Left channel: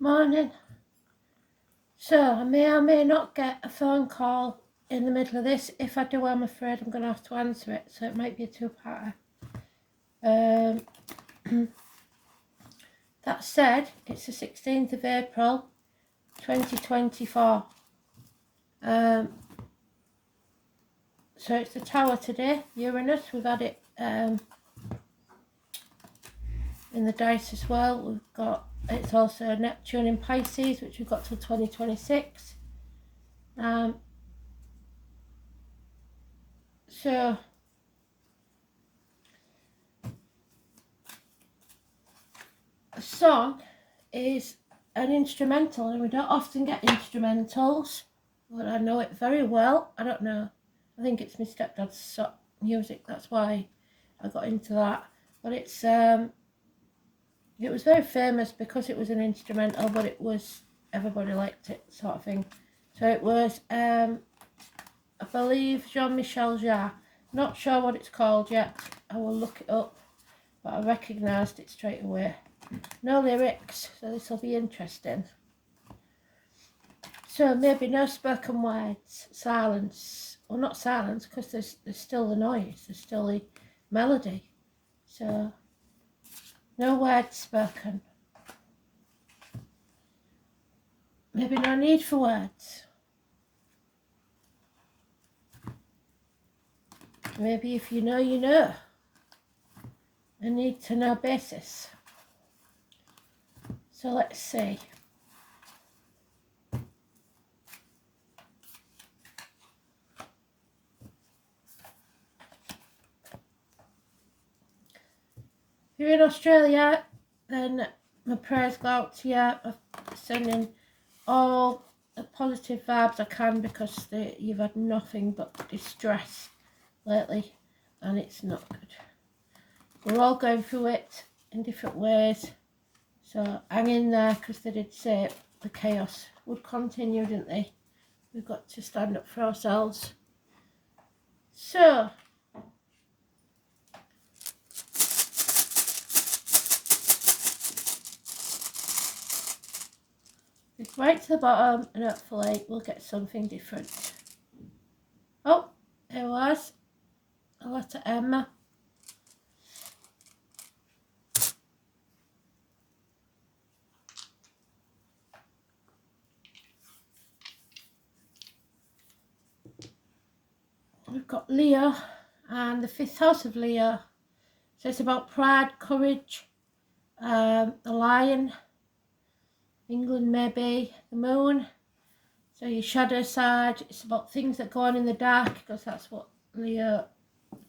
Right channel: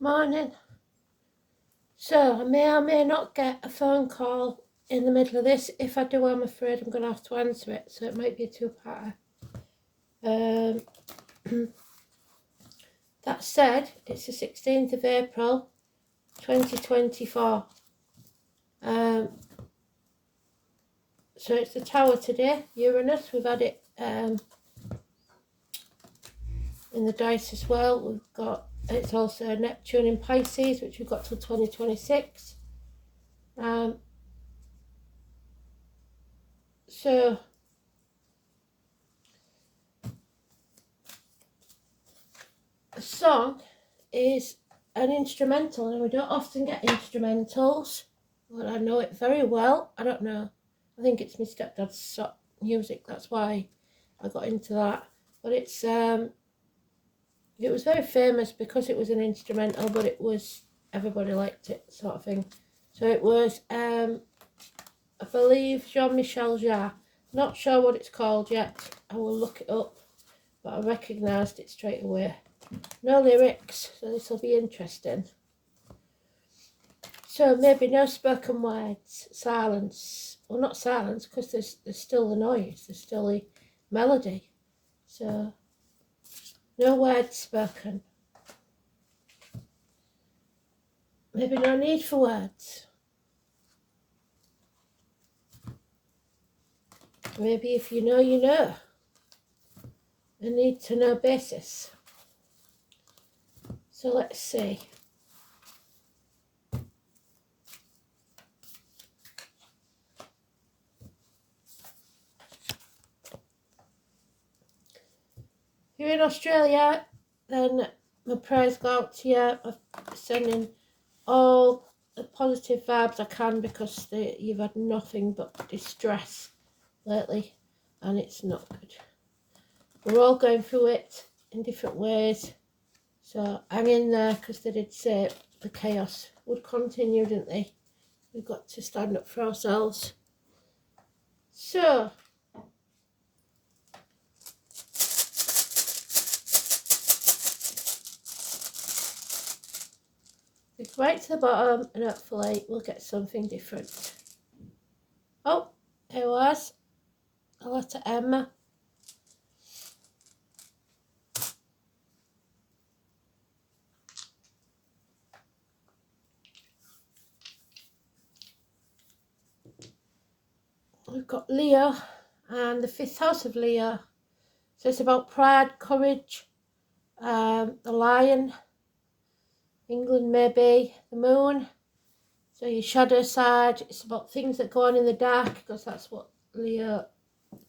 Morning. So I may or may not get a phone call in the middle of this. If I do, I'm afraid I'm going to have to answer it, so it might be a two-parter. That said, it's the 16th of April 2024. So it's the Tower today, Uranus. We've had it in the dice as well. We've got, it's also Neptune in Pisces, which we've got till 2026. So a song is an instrumental, and we don't often get instrumentals, but I know it very well. I don't know, I think it's my stepdad's music, that's why I got into that. But it's it was very famous because it was an instrumental, but it was, everybody liked it, sort of thing. So it was I believe Jean-Michel Jarre. Not sure what it's called yet, I will look it up, but I recognised it straight away. No lyrics, so this will be interesting. So maybe no spoken words, silence. Well, not silence, because there's still the noise, there's still the melody. So no words spoken. Maybe no need for words. Maybe if you know, you know. A need to know basis. So let's see. If you're in Australia, then my prayers go out to you. I'm sending all the positive vibes I can, because you've had nothing but distress lately, and it's not good. We're all going through it in different ways. So hang in there, because they did say the chaos would continue, didn't they? We've got to stand up for ourselves. So, it's right to the bottom, and hopefully we'll get something different. Oh, it was a letter M. We've got Leo and the 5th house of Leo. So it's about pride, courage, the lion, England maybe, the moon. So your shadow side, it's about things that go on in the dark, because that's what Leo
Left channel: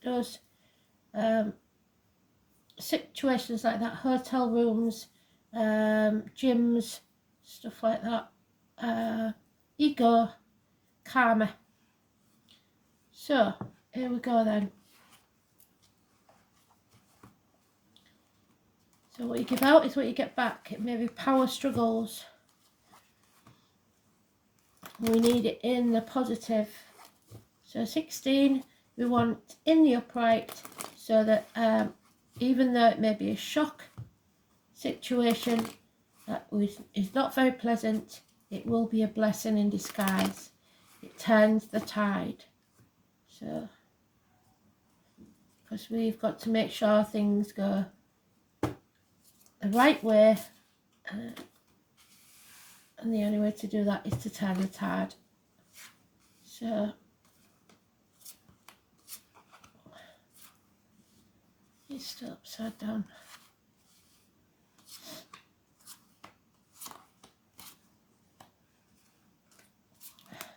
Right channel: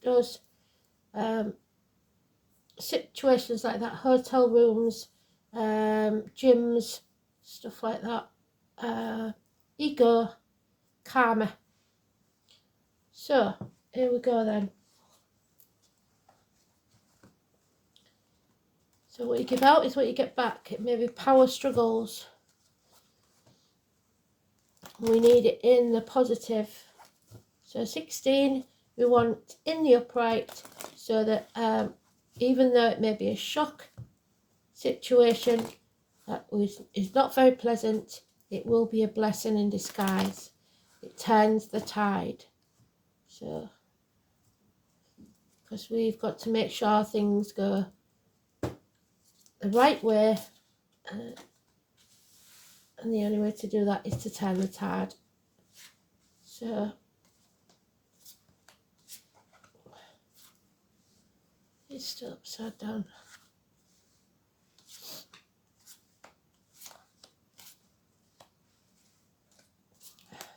does. Situations like that, hotel rooms, gyms, stuff like that. Ego, karma. So, here we go then. So what you give out is what you get back. It may be power struggles. We need it in the positive. So 16, we want in the upright, so that even though it may be a shock situation that is not very pleasant, it will be a blessing in disguise. It turns the tide. So, because we've got to make sure things go the right way, and the only way to do that is to turn the tide. So, it's still upside down.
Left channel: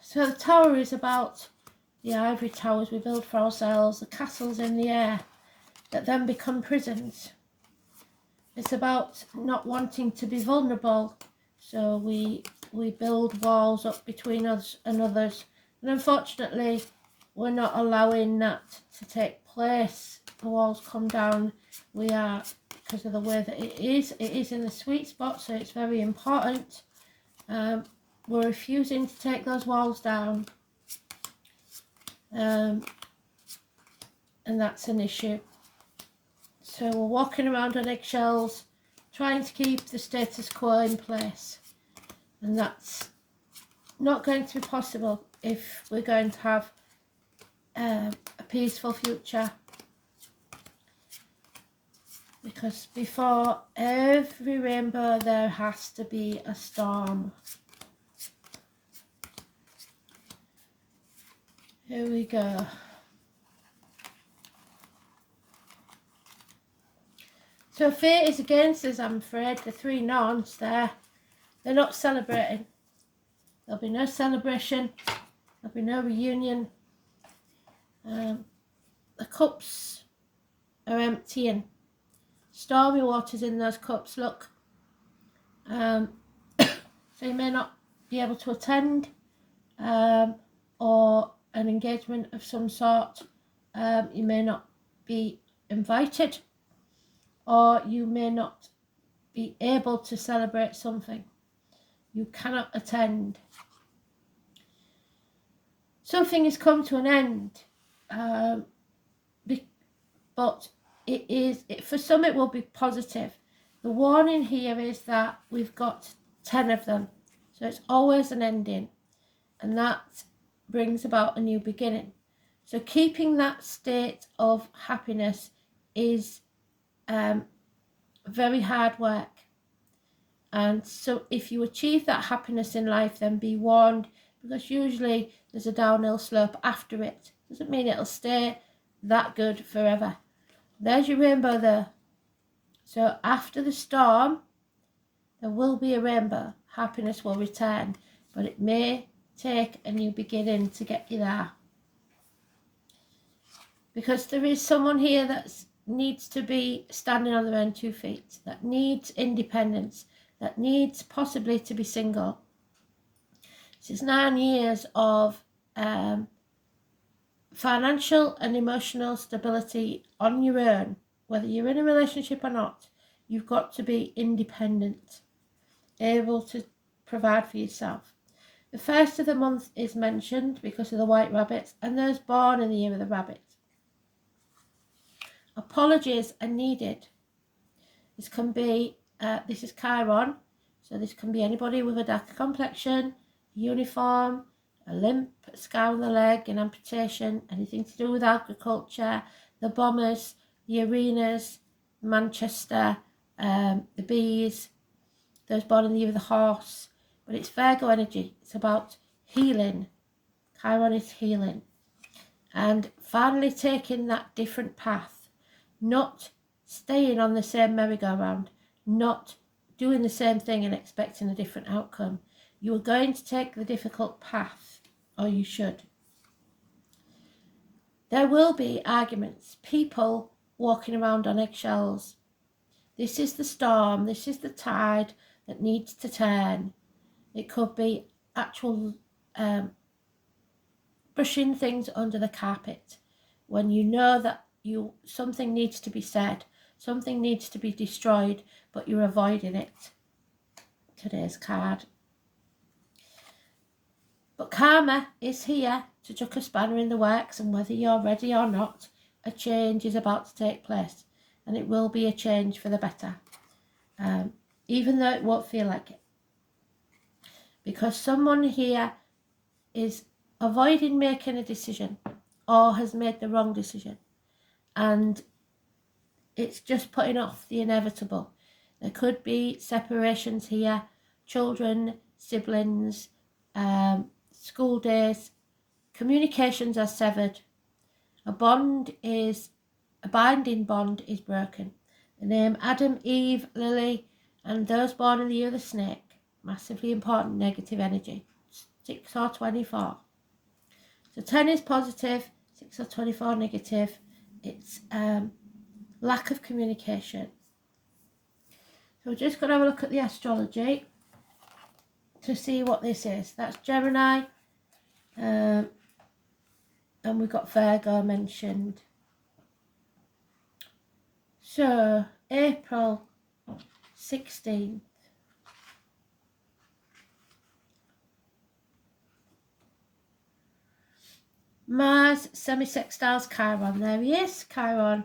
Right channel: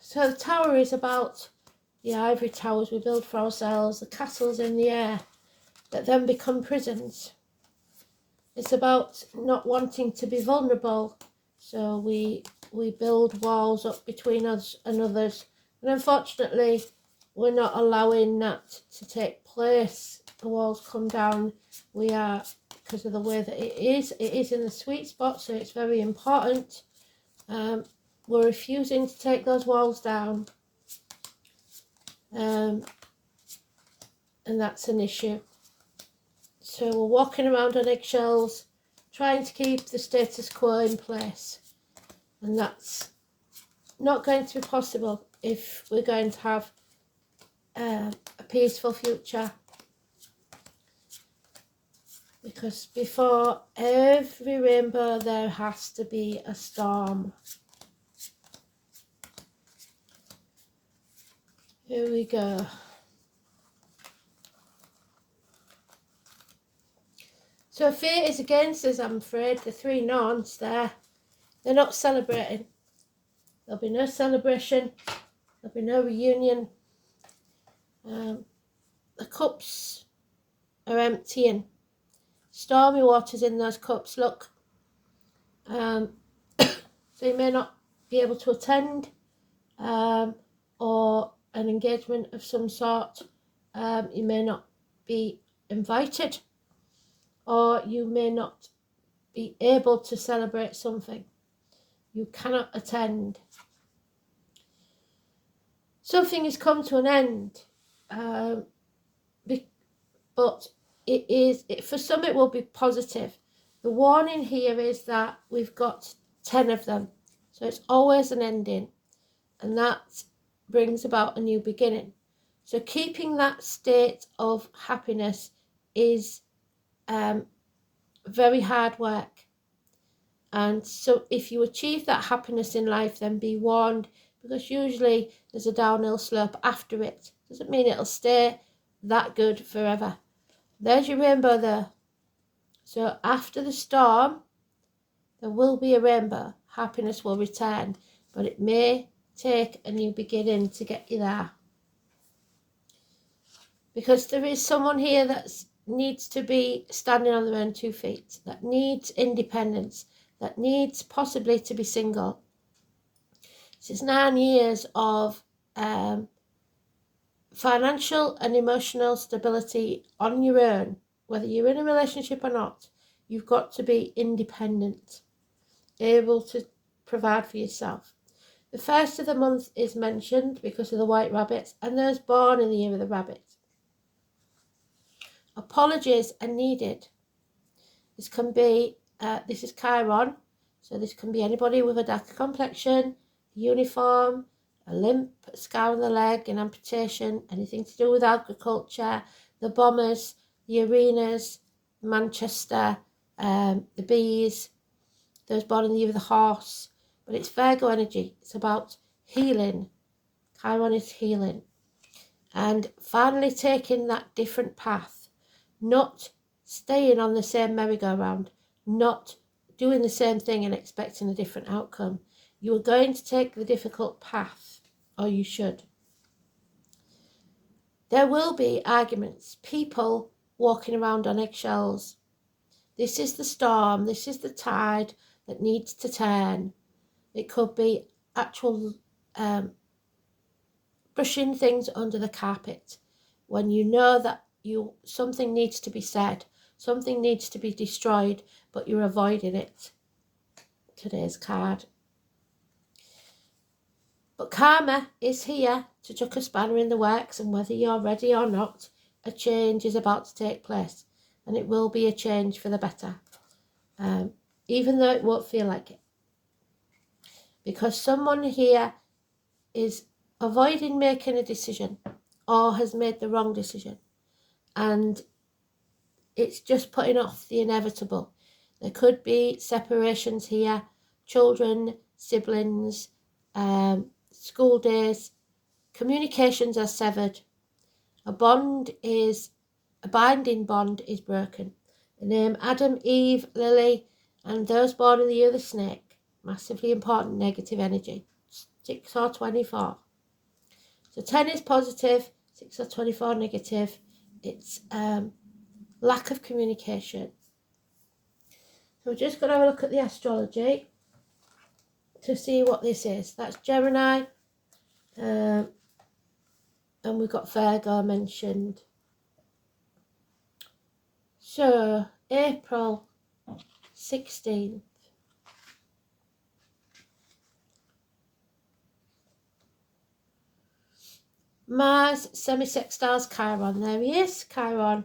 So the tower is about the ivory towers we build for ourselves, the castles in the air that then become prisons. It's about not wanting to be vulnerable, so we build walls up between us and others, and unfortunately we're not allowing that to take place. The walls come down. We are, because of the way that it is in the sweet spot, so it's very important. We're refusing to take those walls down, and that's an issue. So we're walking around on eggshells, trying to keep the status quo in place. And that's not going to be possible if we're going to have a peaceful future. Because before every rainbow there has to be a storm. Here we go. So fate is against us, I'm afraid. The three nons there, they're not celebrating. There'll be no celebration. There'll be no reunion. The cups are emptying. Stormy waters in those cups, look. So you may not be able to attend or an engagement of some sort. You may not be invited, or you may not be able to celebrate something. You cannot attend. Something has come to an end, but for some it will be positive. The warning here is that we've got 10 of them, so it's always an ending, and that brings about a new beginning. So keeping that state of happiness is very hard work. And so if you achieve that happiness in life, then be warned, because usually there's a downhill slope after it. Doesn't mean it'll stay that good forever. There's your rainbow there. So after the storm, there will be a rainbow. Happiness will return, but it may take a new beginning to get you there. Because there is someone here that needs to be standing on their own 2 feet, that needs independence, that needs possibly to be single. This is 9 years of financial and emotional stability on your own. Whether you're in a relationship or not, you've got to be independent, able to provide for yourself. The first of the month is mentioned because of the white rabbits and those born in the year of the rabbit. Apologies are needed. This can be, this is Chiron, so this can be anybody with a darker complexion, a uniform, a limp, a scar on the leg, an amputation, anything to do with agriculture, the bombers, the arenas, Manchester, the bees, those born in the year of the horse. But it's Virgo energy. It's about healing. Chiron is healing. And finally taking that different path. Not staying on the same merry-go-round. Not doing the same thing and expecting a different outcome. You are going to take the difficult path, or you should. There will be arguments. People walking around on eggshells. This is the storm. This is the tide that needs to turn. It could be actual brushing things under the carpet when you know that something needs to be said, something needs to be destroyed, but you're avoiding it. Today's card. But karma is here to chuck a spanner in the works, and whether you're ready or not, a change is about to take place, and it will be a change for the better, even though it won't feel like it. Because someone here is avoiding making a decision or has made the wrong decision, and it's just putting off the inevitable. There could be separations here, children, siblings, school days, communications are severed. A binding bond is broken. The name Adam, Eve, Lily, and those born in the year of the snake. Massively important negative energy. 6 or 24. So 10 is positive, 6 or 24 negative. It's lack of communication. So we're just going to have a look at the astrology to see what this is. That's Gemini. And we've got Virgo mentioned. So April 16th. Mars semi-sextiles Chiron. There he is, Chiron.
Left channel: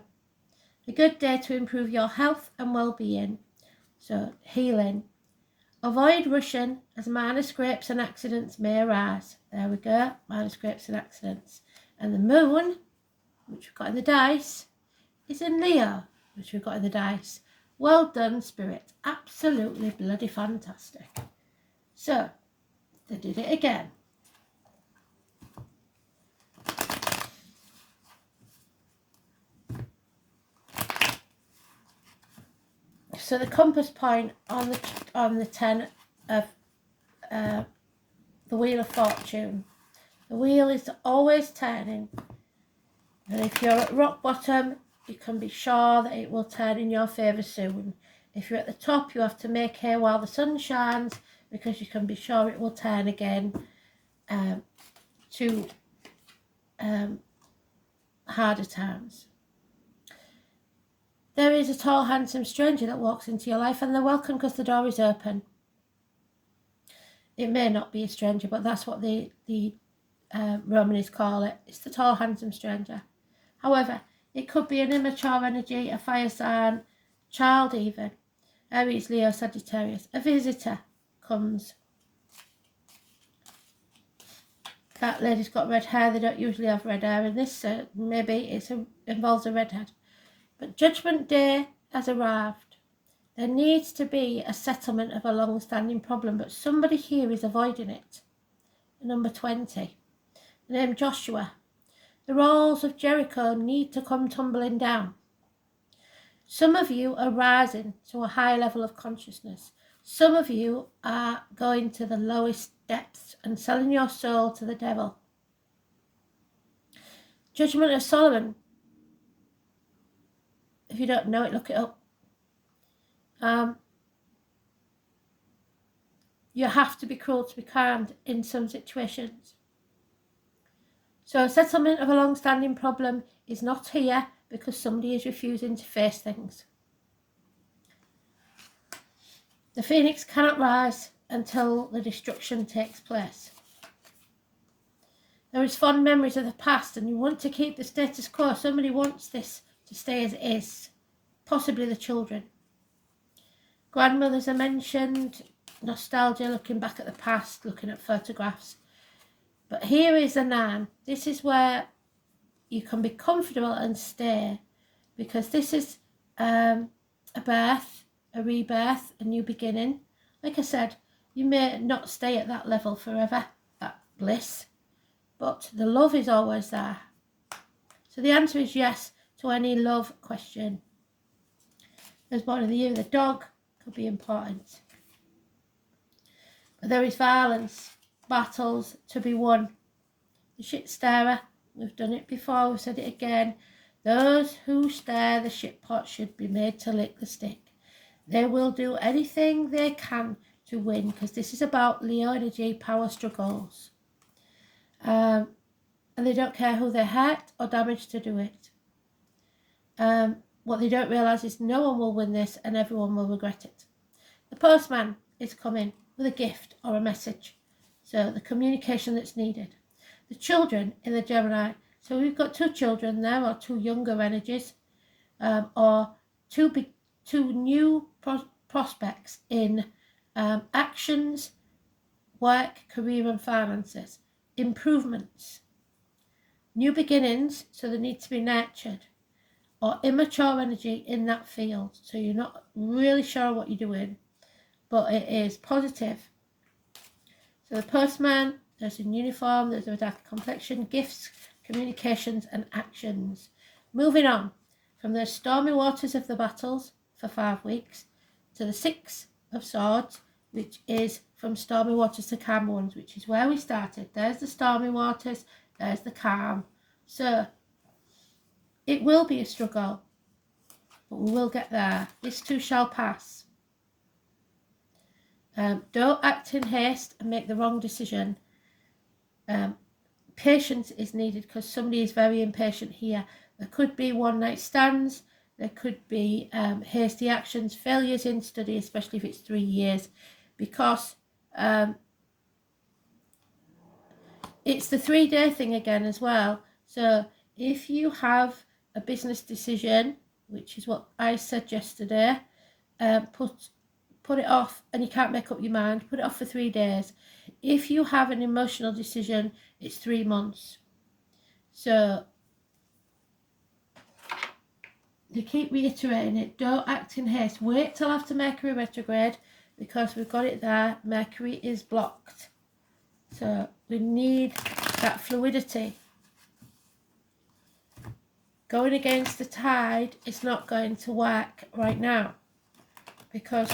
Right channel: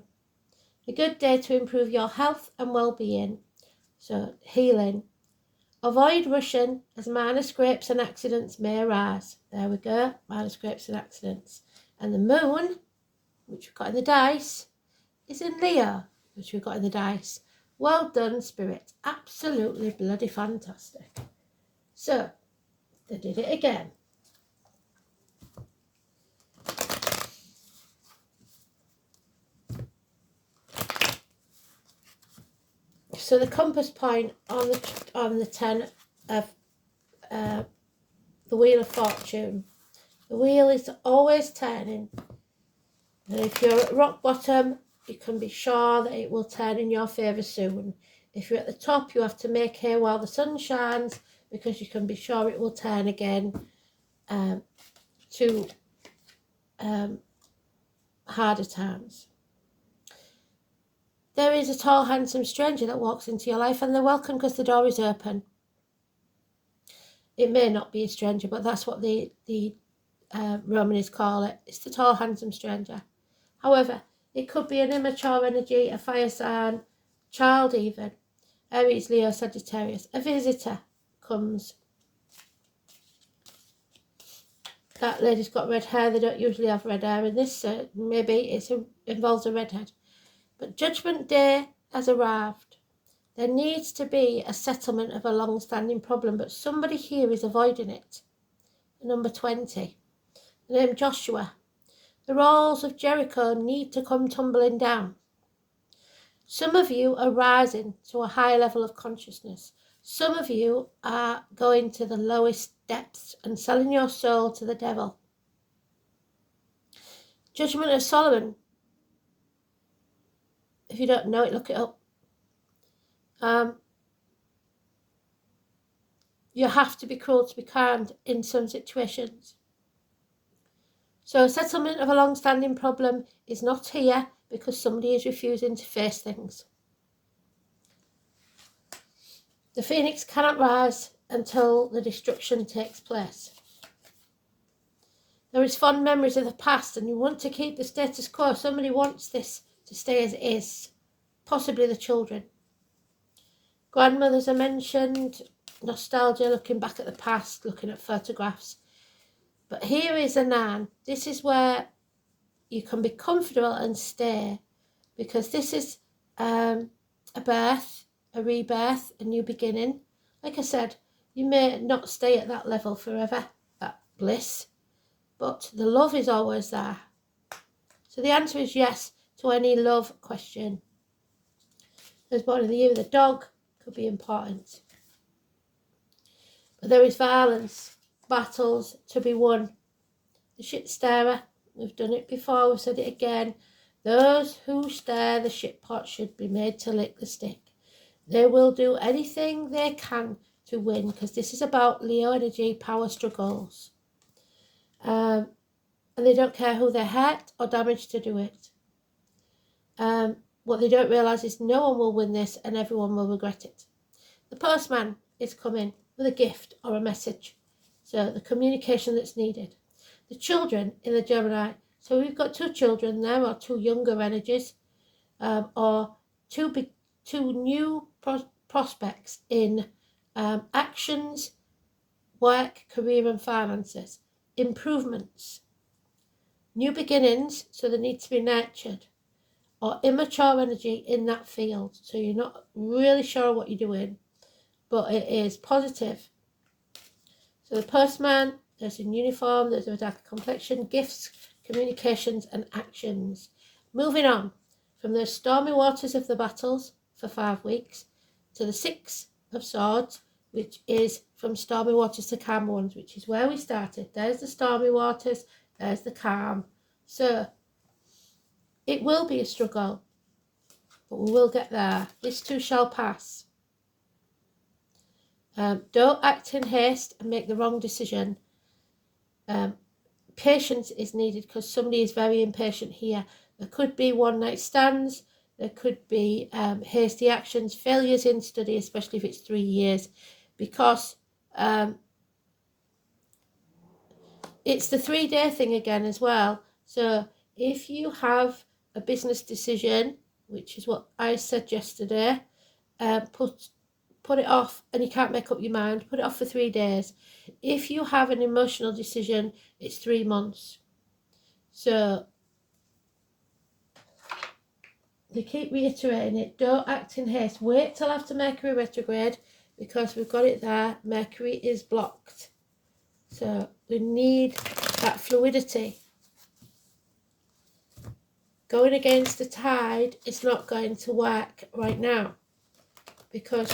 A good day to improve your health and well-being. So healing. Avoid rushing as minor scrapes and accidents may arise. There we go, minor scrapes and accidents. And the moon, which we've got in the dice, is in Leo, which we've got in the dice. Well done, Spirit. Absolutely bloody fantastic. So, they did it again. So the compass point on the 10 of the Wheel of Fortune. The wheel is always turning. And if you're at rock bottom, you can be sure that it will turn in your favour soon. If you're at the top, you have to make hay while the sun shines, because you can be sure it will turn again to harder times. There is a tall, handsome stranger that walks into your life, and they're welcome because the door is open. It may not be a stranger, but that's what the Romanists call it. It's the tall, handsome stranger. However, it could be an immature energy, a fire sign, child even. Aries, Leo, Sagittarius. A visitor comes. That lady's got red hair. They don't usually have red hair in this. Maybe it involves a redhead. But Judgment Day has arrived. There needs to be a settlement of a long-standing problem, but somebody here is avoiding it. Number 20. The name Joshua. The walls of Jericho need to come tumbling down. Some of you are rising to a high level of consciousness. Some of you are going to the lowest depths and selling your soul to the devil. Judgment of Solomon. If you don't know it, look it up. You have to be cruel to be kind in some situations. So a settlement of a long-standing problem is not here because somebody is refusing to face things. The phoenix cannot rise until the destruction takes place. There is fond memories of the past and you want to keep the status quo. Somebody wants this to stay as it is, possibly the children. Grandmothers are mentioned, nostalgia, looking back at the past, looking at photographs. But here is a nan. This is where you can be comfortable and stay, because this is a birth, a rebirth, a new beginning. Like I said, you may not stay at that level forever, that bliss, but the love is always there. So the answer is yes to any love question. There's born in the year of the dog, could be important. But there is violence, battles to be won. The shit starer, we've done it before, we've said it again. Those who stare the shit pot should be made to lick the stick. They will do anything they can to win, because this is about Leo energy, power struggles. And they don't care who they hurt or damage to do it. What they don't realise is no one will win this and everyone will regret it. The postman is coming with a gift or a message. So the communication that's needed. The children in the Gemini. So we've got two children there, or two younger energies, or two new prospects in actions, work, career and finances. Improvements. New beginnings, so they need to be nurtured. Or immature energy in that field. So you're not really sure what you're doing, but it is positive. So the postman, there's in uniform, there's a darker complexion, gifts, communications and actions. Moving on from the stormy waters of the battles for 5 weeks to the 6 of Swords, which is from stormy waters to calm ones, which is where we started. There's the stormy waters, there's the calm. So it will be a struggle, but we will get there. This too shall pass. Don't act in haste and make the wrong decision. Patience is needed because somebody is very impatient here. There could be one-night stands. There could be hasty actions, failures in study, especially if it's 3 years, because it's the 3-day thing again as well. So if you have a business decision, which is what I said yesterday, put put it off and you can't make up your mind, put it off for 3 days. If you have an emotional decision, it's 3 months. So they keep reiterating it. Don't act in haste. Wait till after Mercury retrograde, because we've got it there. Mercury is blocked. So we need that fluidity. Going against the tide is not going to work right now, because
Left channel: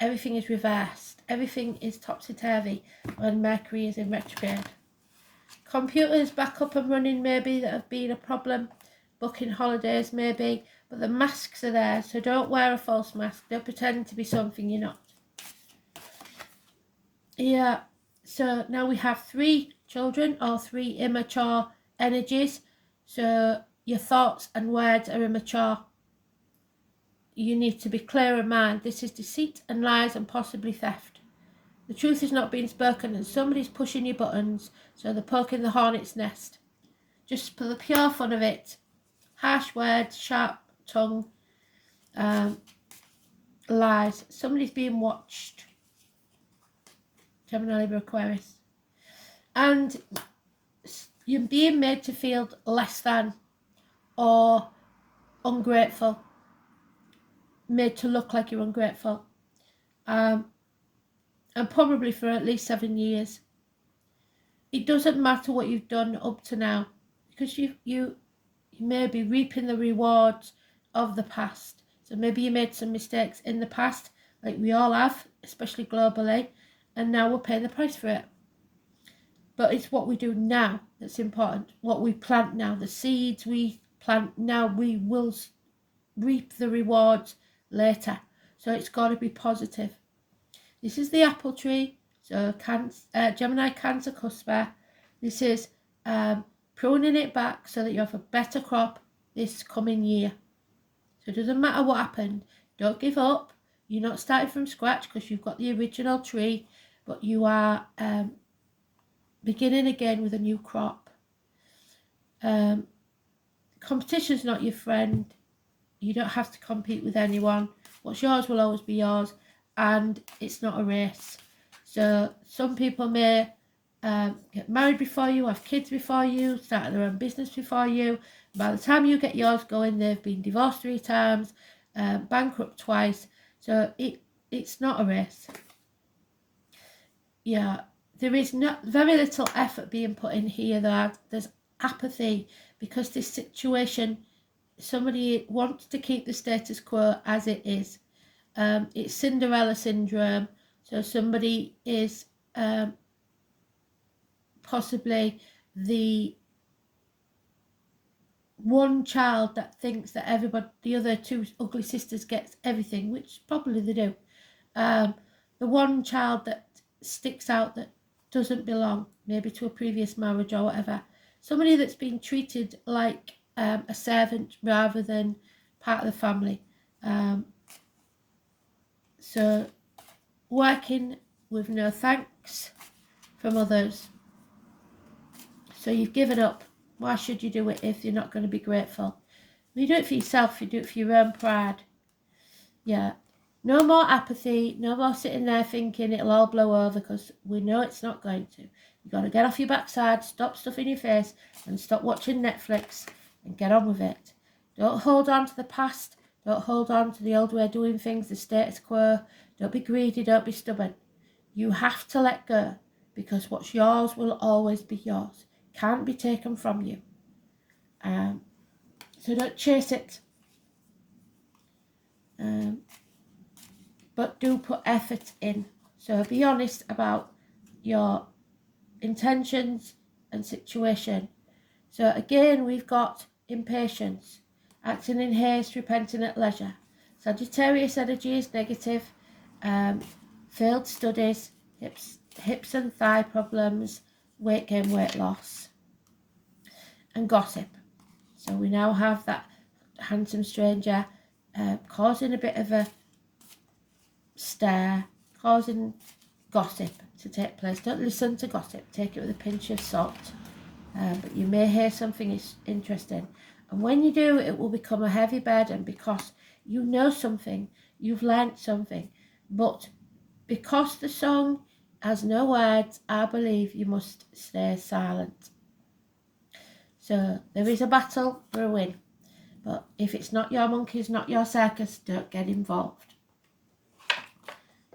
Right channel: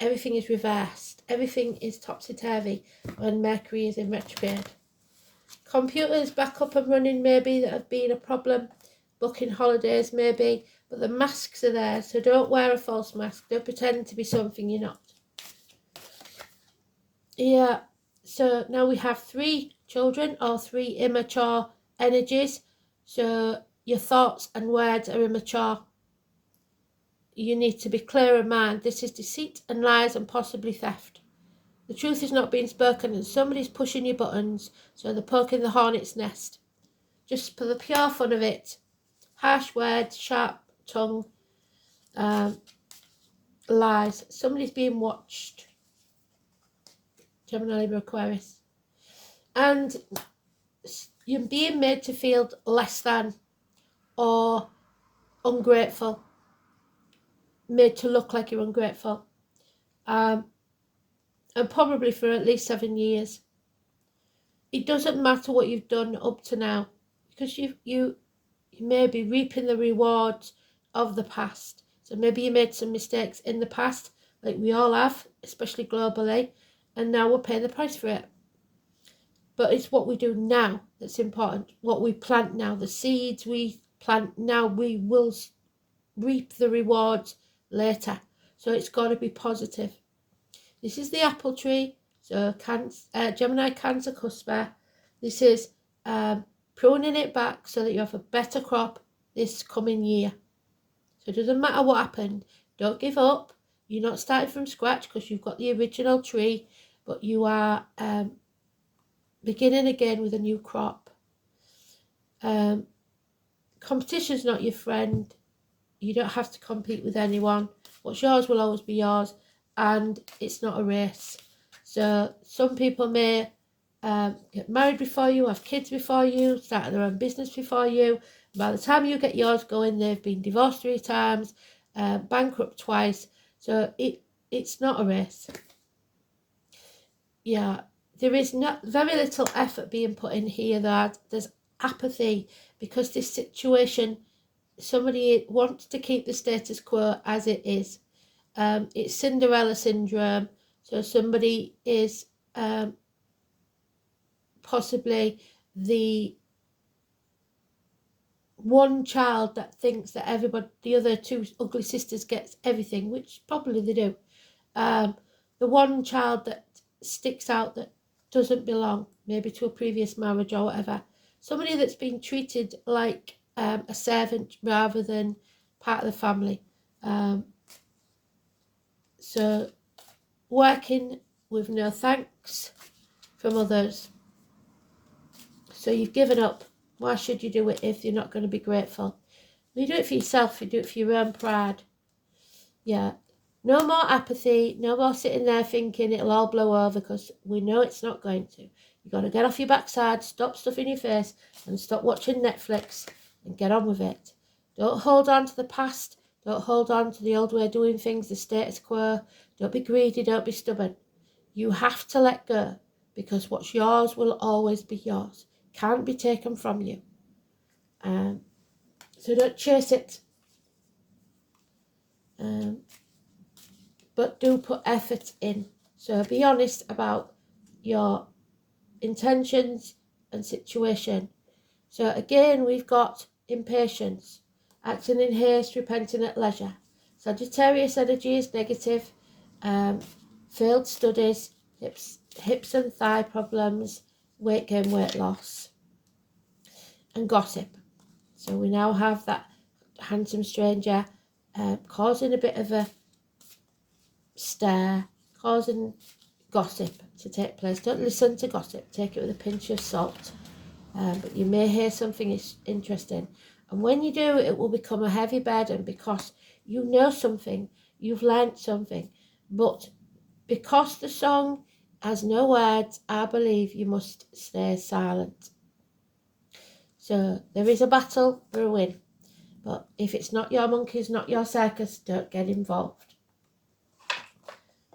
everything is reversed. Everything is topsy-turvy when Mercury is in retrograde. Computers back up and running maybe that have been a problem. Booking holidays maybe. But the masks are there, so don't wear a false mask. Don't pretend to be something you're not. Yeah, so now we have 3 children or 3 immature energies. So your thoughts and words are immature. You need to be clear in mind. This is deceit and lies and possibly theft. The truth is not being spoken and somebody's pushing your buttons, so they're poking the hornet's nest. Just for the pure fun of it. Harsh words, sharp tongue, lies. Somebody's being watched. Gemini, Libra, Aquarius. And you're being made to feel less than or ungrateful. Made to look like you're ungrateful. And probably for at least 7 years. It doesn't matter what you've done up to now, because you may be reaping the rewards of the past. So maybe you made some mistakes in the past, like we all have, especially globally, and now we're paying the price for it. But it's what we do now that's important. What we plant now, the seeds we plant now, we will reap the rewards later. So it's got to be positive. This is the apple tree. So Gemini, Cancer, Cusper. This is pruning it back so that you have a better crop this coming year. So it doesn't matter what happened. Don't give up. You're not starting from scratch because you've got the original tree, but you are beginning again with a new crop. Competition's not your friend. You don't have to compete with anyone. What's yours will always be yours, and it's not a race. So some people may get married before you, have kids before you, start their own business before you. By the time you get yours going, they've been divorced 3 times, bankrupt twice. So it's not a race. Yeah, there is very little effort being put in here. There's apathy because this situation, somebody wants to keep the status quo as it is. It's Cinderella syndrome. So somebody is possibly the one child that thinks that the other 2 ugly sisters gets everything, which probably they do. The one child that sticks out that doesn't belong, maybe to a previous marriage or whatever. Somebody that's been treated like a servant rather than part of the family. So working with no thanks from others. So you've given up. Why should you do it if you're not going to be grateful? You do it for yourself, you do it for your own pride. Yeah. No more apathy, no more sitting there thinking it'll all blow over, because we know it's not going to. You've got to get off your backside, stop stuffing your face, and stop watching Netflix and get on with it. Don't hold on to the past. Don't hold on to the old way of doing things, the status quo. Don't be greedy, don't be stubborn. You have to let go, because what's yours will always be yours. Can't be taken from you. So don't chase it. But do put effort in. So be honest about your intentions and situation. So again, we've got impatience, acting in haste, repenting at leisure. Sagittarius energy is negative, failed studies, hips and thigh problems, weight gain, weight loss, and gossip. So we now have that handsome stranger causing a bit of a stir, causing gossip to take place. Don't listen to gossip, take it with a pinch of salt. But you may hear something interesting, and when you do, it will become a heavy burden, because you know something, you've learnt something, But because the song has no words, I believe you must stay silent. So there is a battle for a win. But if it's not your monkeys, not your circus, don't get involved.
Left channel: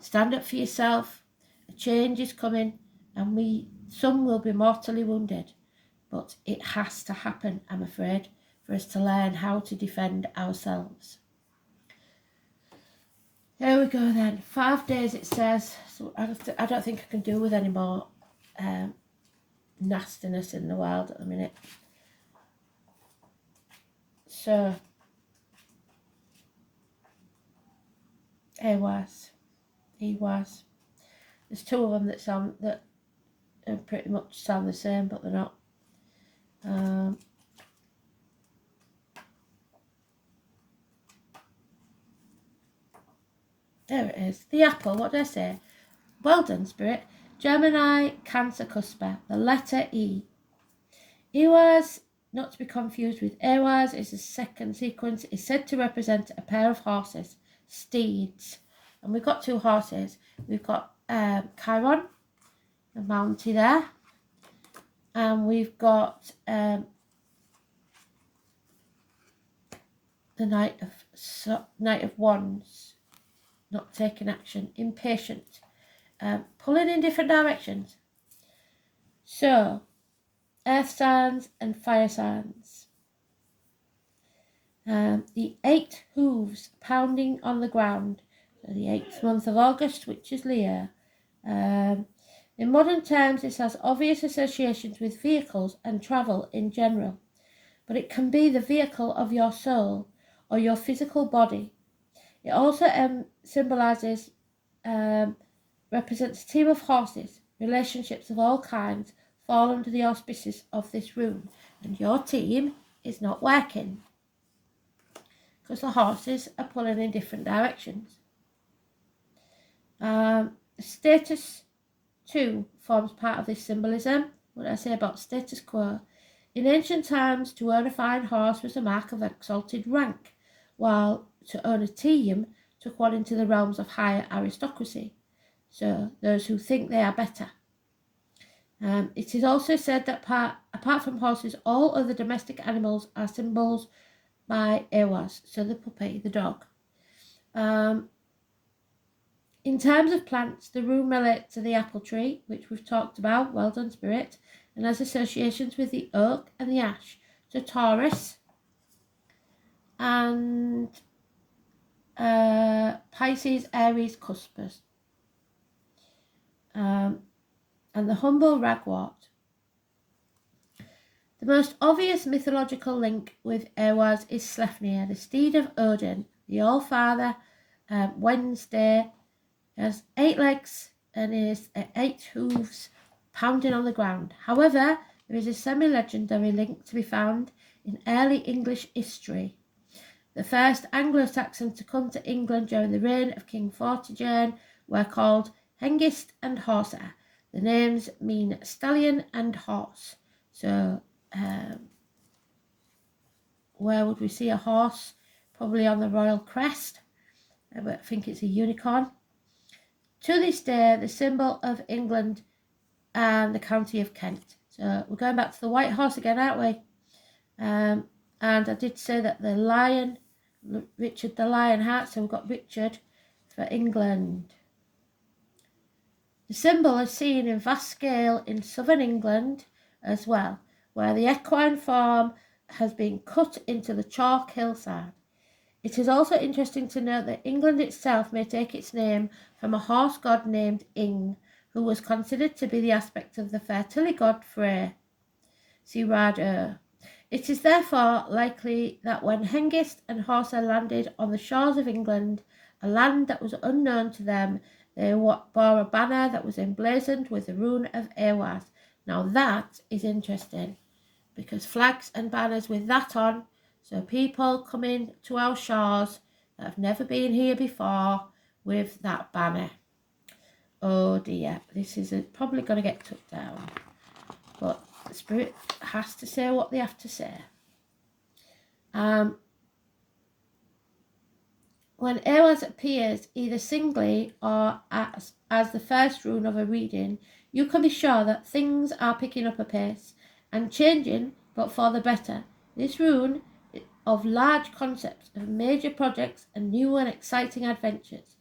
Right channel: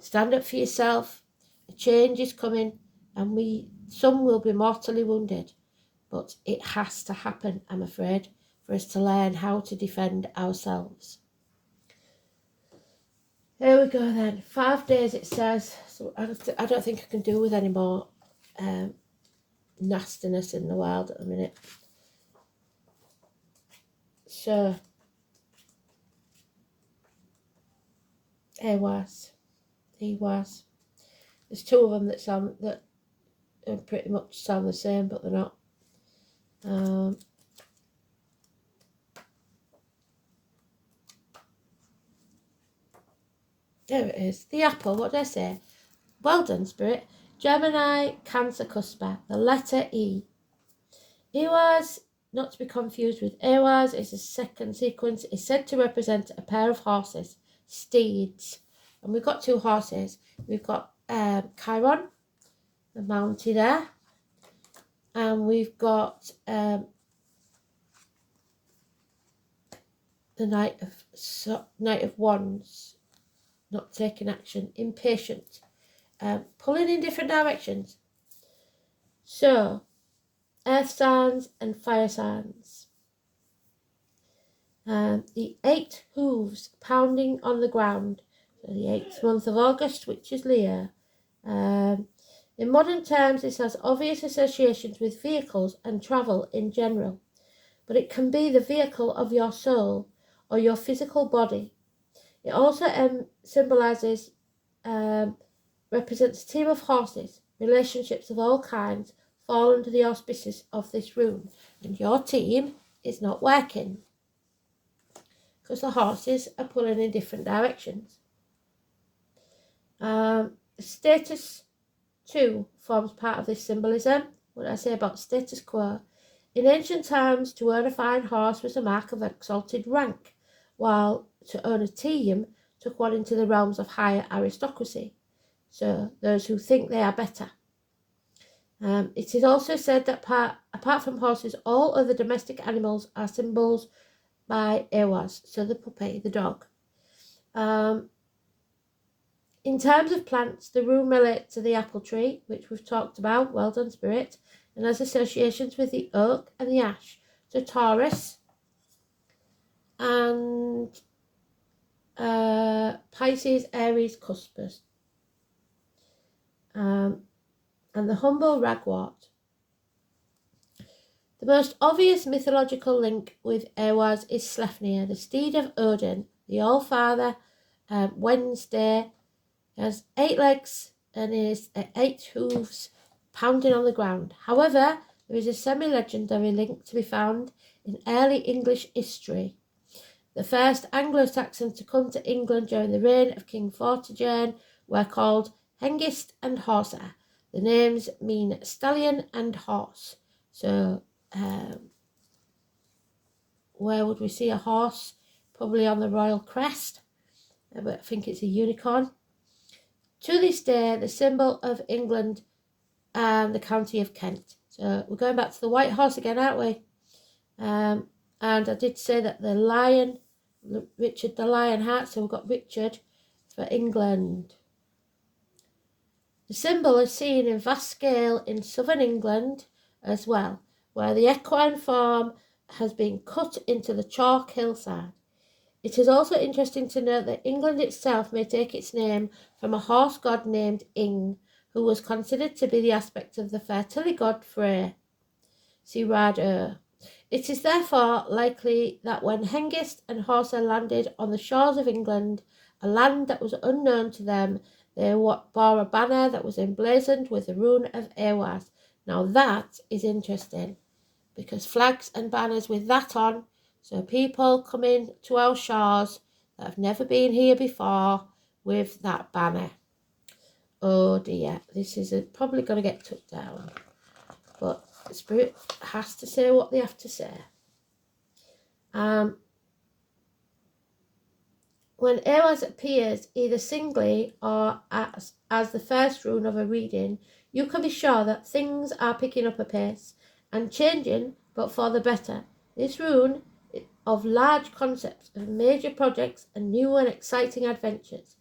Stand up for yourself. A change is coming, and some will be mortally wounded. But it has to happen, I'm afraid, for us to learn how to defend ourselves. Here we go then. 5 days it says. So I don't think I can do with any more nastiness in the world at the minute. So, EWAS. There's 2 of them that pretty much sound the same, but they're not. There it is. The apple, what did I say? Well done, Spirit. Gemini, Cancer, Cusper. The letter E. EWAS, not to be confused with EWAS, is the second sequence. Is said to represent a pair of horses, steeds. And we've got 2 horses. We've got Chiron, the mounted there. And we've got the Knight of Wands, not taking action, impatient, pulling in different directions. So, earth signs and fire signs. The 8 hooves pounding on the ground. So the 8th month of August, which is Leo. In modern terms, this has obvious associations with vehicles and travel in general, but it can be the vehicle of your soul or your physical body. It also symbolises, represents a team of horses. Relationships of all kinds fall under the auspices of this rune, and your team is not working because the horses are pulling in different directions. Status 2 forms part of this symbolism. What did I say about status quo? In ancient times, to own a fine horse was a mark of exalted rank, while to own a team took one into the realms of higher aristocracy, so those who think they are better. It is also said that apart from horses, all other domestic animals are symbols by EWAS, so the puppy, the dog. In terms of plants, the rune relates to the apple tree, which we've talked about, well done, Spirit, and has associations with the oak and the ash. So Taurus and Pisces, Aries, Cuspers. And the humble ragwort. The most obvious mythological link with EWAS is Sleipnir, the steed of Odin, the All-Father. Wednesday has 8 legs and is 8 hooves pounding on the ground. However, there is a semi-legendary link to be found in early English history. The first Anglo-Saxons to come to England during the reign of King Vortigern were called Hengist and Horsa. The names mean stallion and horse. So, where would we see a horse? Probably on the royal crest, but I think it's a unicorn. To this day, the symbol of England and the county of Kent. So we're going back to the white horse again, aren't we? And I did say that the lion, Richard the Lionheart, so we've got Richard for England. The symbol is seen in vast scale in southern England as well, where the equine form has been cut into the chalk hillside. It is also interesting to note that England itself may take its name from a horse god named Ing, who was considered to be the aspect of the fertility god Frey. See Rad. It is therefore likely that when Hengist and Horsa landed on the shores of England, a land that was unknown to them, they bore a banner that was emblazoned with the rune of EWAS. Now that is interesting, because flags and banners with that on, so people come in to our shores that have never been here before with that banner. Oh dear, this is probably going to get took down. But the spirit has to say what they have to say. When when Aries appears either singly or as the first rune of a reading, you can be sure that things are picking up a pace and changing, but for the better. This rune of large concepts, of major projects and new and exciting adventures.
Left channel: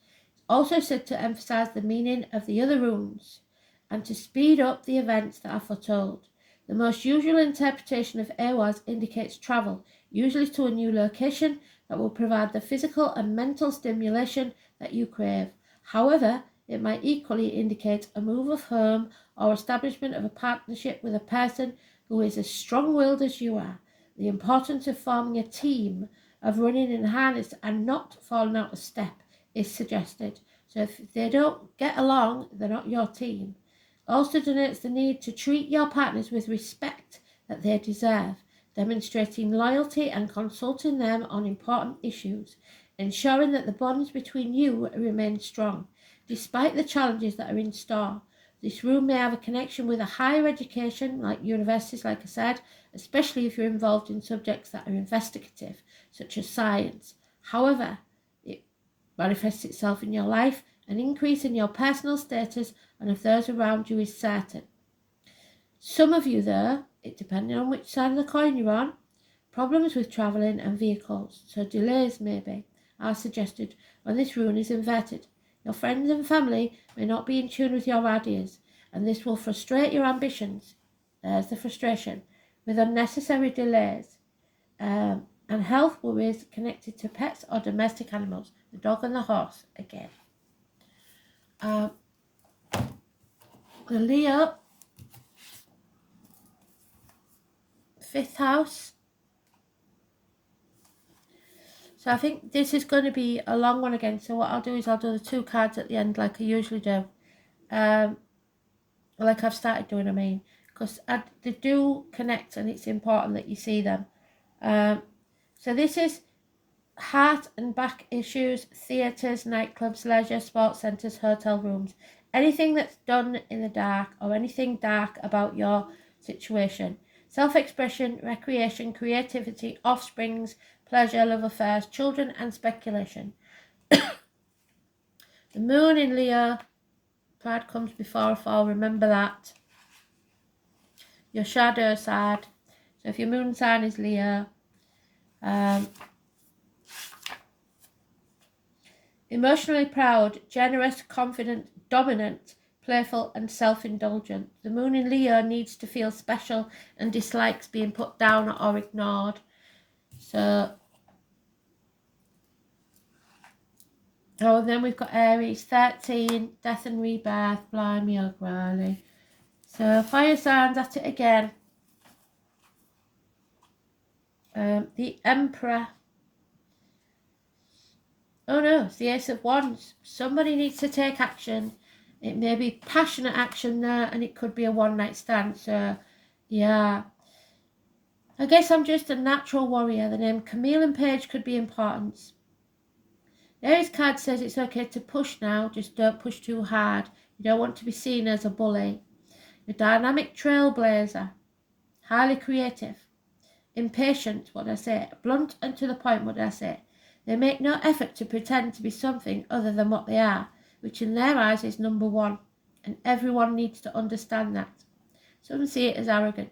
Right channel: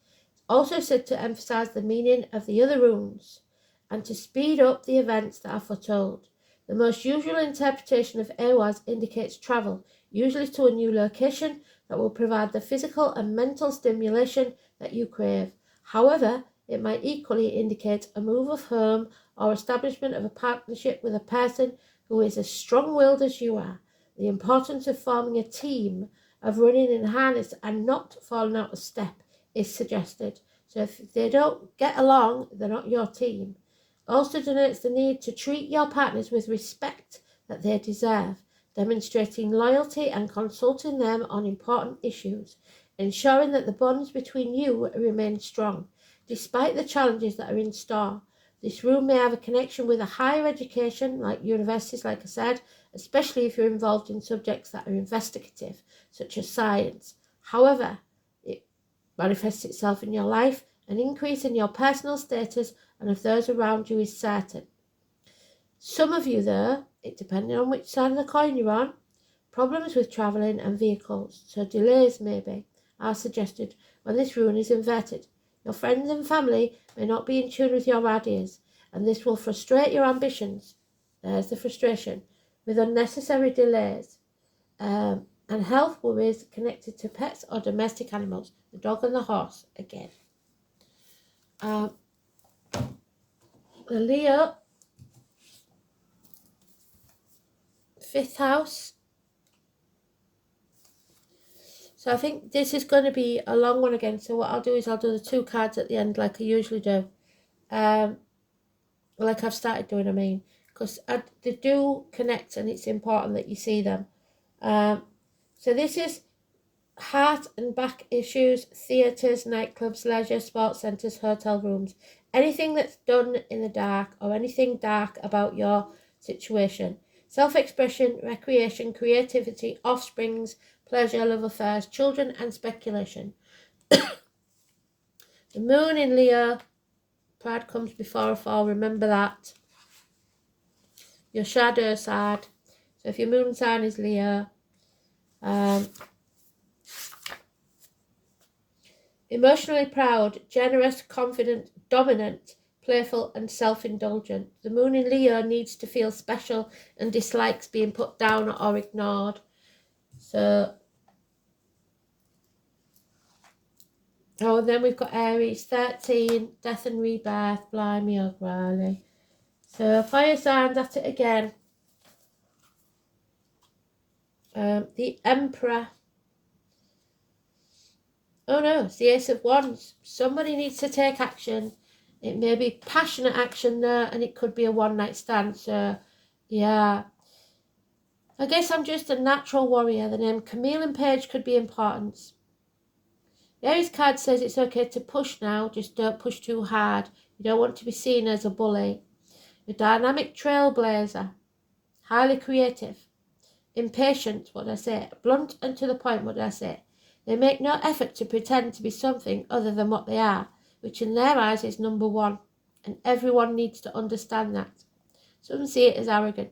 Also said to emphasize the meaning of the other runes and to speed up the events that are foretold. The most usual interpretation of Awas indicates travel, usually to a new location that will provide the physical and mental stimulation that you crave. However, it might equally indicate a move of home or establishment of a partnership with a person who is as strong-willed as you are. The importance of forming a team, of running in harness and not falling out of step is suggested. So if they don't get along, they're not your team. Also denotes the need to treat your partners with respect that they deserve, demonstrating loyalty and consulting them on important issues, ensuring that the bonds between you remain strong, despite the challenges that are in store. This rune may have a connection with a higher education, like universities, like I said, especially if you're involved in subjects that are investigative, such as science. However, it manifests itself in your life. An increase in your personal status and of those around you is certain. Some of you, though, it depending on which side of the coin you're on, problems with travelling and vehicles, so delays maybe, are suggested when this rune is inverted. Your friends and family may not be in tune with your ideas, and this will frustrate your ambitions. There's the frustration, with unnecessary delays. And health worries connected to pets or domestic animals, the dog and the horse again. The Leo, 5th house. So I think this is going to be a long one again. So what I'll do is I'll do the 2 cards at the end like I usually do. Like I've started doing, I mean. Because they do connect and it's important that you see them. So this is heart and back issues, theatres, nightclubs, leisure, sports centres, hotel rooms. Anything that's done in the dark or anything dark about your situation. Self-expression, recreation, creativity, offsprings, pleasure, love affairs, children and speculation. The moon in Leo, pride comes before a fall, remember that. Your shadow side. So if your moon sign is Leo, emotionally proud, generous, confident, dominant, playful and self-indulgent. The moon in Leo needs to feel special and dislikes being put down or ignored. So, and then we've got Aries, 13, death and rebirth, blimey O'Reilly. So fire signs at it again. The Emperor. Oh no, it's the Ace of Wands. Somebody needs to take action. It may be passionate action there, and it could be a one-night stand. So, yeah. I guess I'm just a natural warrior. The name Camille and Page could be important. The Aries card says it's okay to push now, just don't push too hard. You don't want to be seen as a bully. A dynamic trailblazer. Highly creative. Impatient, what did I say? Blunt and to the point, what did I say? They make no effort to pretend to be something other than what they are, which in their eyes is number one, and everyone needs to understand that. Some see it as arrogant.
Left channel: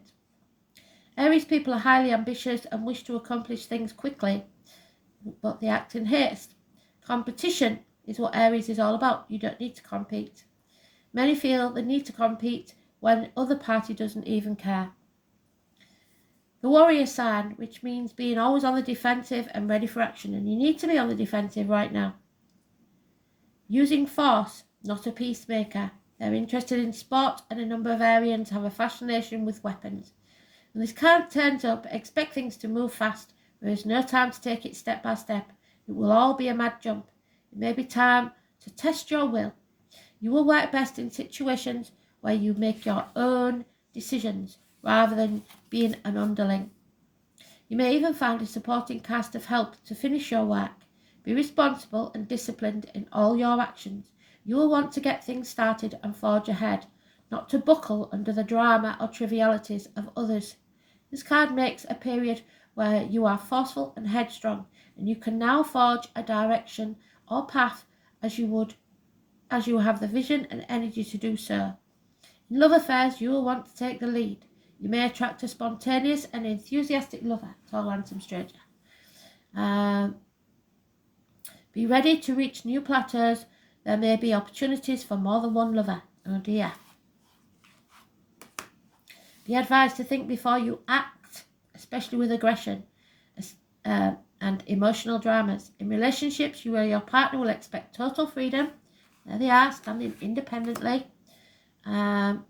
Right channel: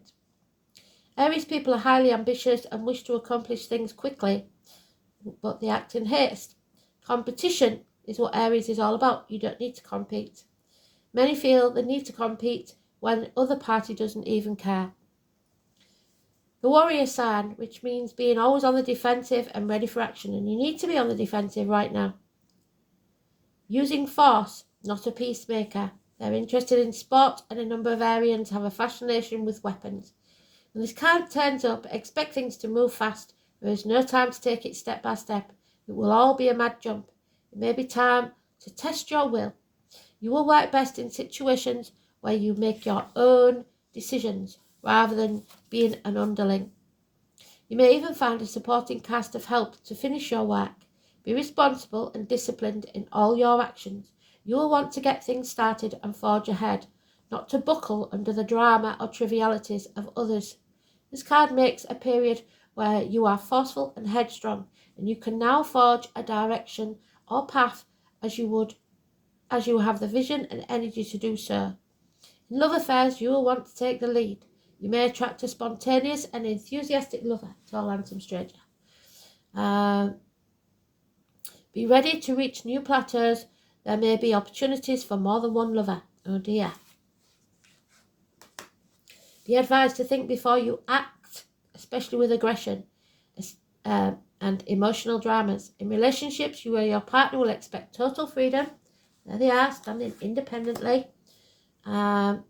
Aries people are highly ambitious and wish to accomplish things quickly, but they act in haste. Competition is what Aries is all about. You don't need to compete. Many feel the need to compete when the other party doesn't even care. The warrior sign, which means being always on the defensive and ready for action, and you need to be on the defensive right now. Using force, not a peacemaker. They're interested in sport, and a number of Arians have a fascination with weapons. When this card turns up, expect things to move fast. There is no time to take it step by step. It will all be a mad jump. It may be time to test your will. You will work best in situations where you make your own decisions rather than being an underling. You may even find a supporting cast of help to finish your work. Be responsible and disciplined in all your actions. You will want to get things started and forge ahead, not to buckle under the drama or trivialities of others. This card makes a period where you are forceful and headstrong, and you can now forge a direction or path as you have the vision and energy to do so. In love affairs, you will want to take the lead. You may attract a spontaneous and enthusiastic lover, tall, handsome stranger. Be ready to reach new plateaus. There may be opportunities for more than one lover. Oh dear. Be advised to think before you act, especially with aggression and emotional dramas. In relationships, you or your partner will expect total freedom. There they are, standing independently. However,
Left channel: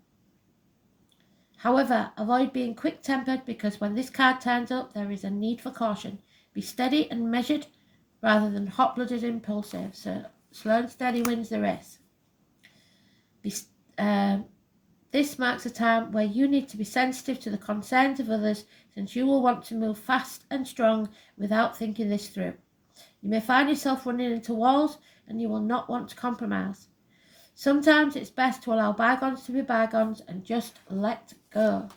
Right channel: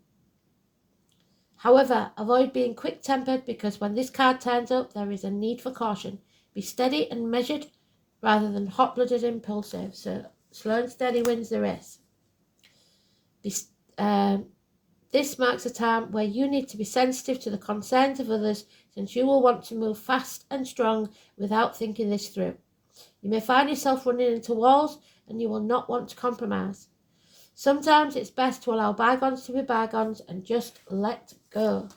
avoid being quick-tempered, because when this card turns up, there is a need for caution. Be steady and measured rather than hot-blooded and impulsive. So slow and steady wins the race. This marks a time where you need to be sensitive to the concerns of others, since you will want to move fast and strong without thinking this through. You may find yourself running into walls, and you will not want to compromise. Sometimes it's best to allow bygones to be bygones and just let go.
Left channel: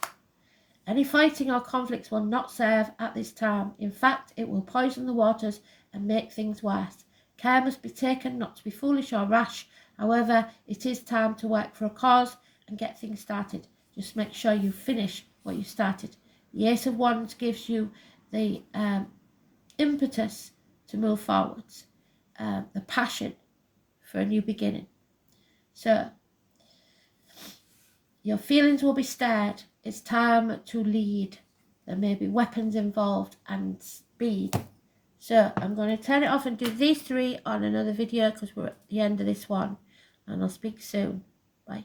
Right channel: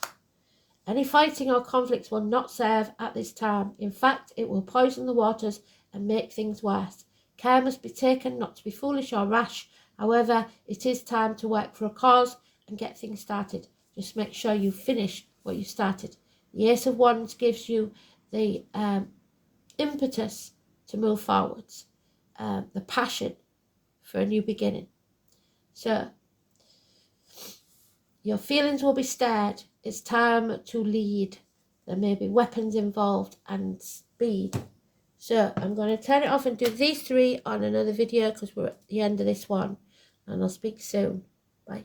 Any fighting or conflicts will not serve at this time. In fact, it will poison the waters and make things worse. Care must be taken not to be foolish or rash. However, it is time to work for a cause and get things started. Just make sure you finish what you started. The Ace of Wands gives you the impetus to move forwards, the passion for a new beginning. So, your feelings will be stirred. It's time to lead. There may be weapons involved and speed. So, I'm going to turn it off and do these three on another video, because we're at the end of this one. And I'll speak soon. Bye.